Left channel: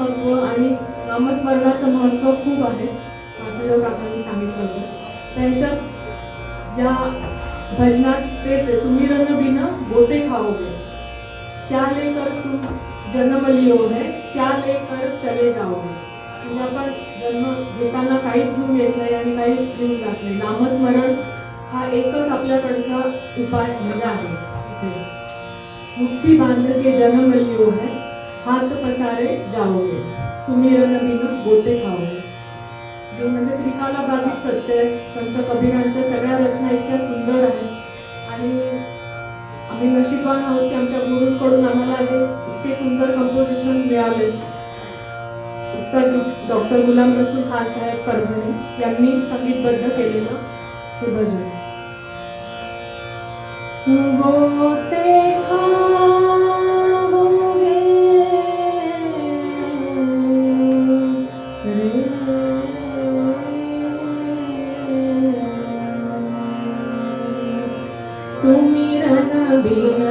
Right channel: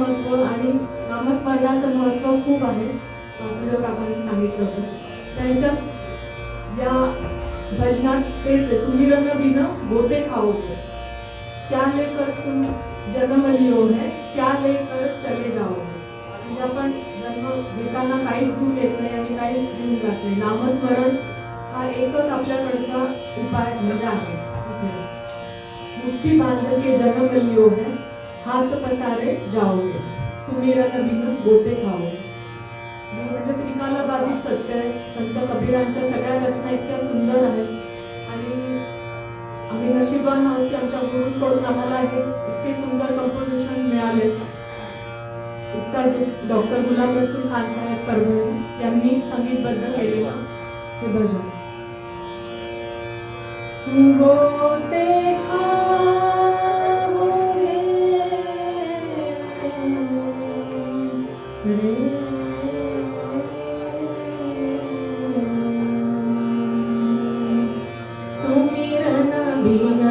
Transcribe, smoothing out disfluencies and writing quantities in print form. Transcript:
महत्त्व आणि नामस्मरणाचं महत्त्व खूप आहे. वासुदेव काकांनी सांगितलं होतं. त्यांच्या या भजनात तेच सुमिरन बिन गोते खाओगे, क्या लेकर तुम जन्म लियो है, क्या लेकर चले जाओगे. म्हणजे आपण जन्म घेताना काहीच घेऊन येत नाही आणि काहीच घेऊन जात नाही. नामस्मरण हा एकच आपल्याकडचा उपाय म्हणजे आहे. मुक्ती बांध के जन्म लियो है, हात पसारे जाओगे, सुमिरन बिन गोते खाओगे. म्हणजे त्रिकाला बाधित सत्य आहे. संत कबीरांच्या सगळ्या रचना इतक्या सुंदर आहेत आणि आम्ही नशीबवान आहोत की आमच्या गुरूंकडून आम्हाला हे इतके सुंदर कंपोजिशन मिळाले. उस्ताद डॉक्टर गुलाम रसूल खान साहेब परभणी यांनी संगीतबद्ध केलेलं हे भजन. गोते खाओगे रे, सुमिरन बिन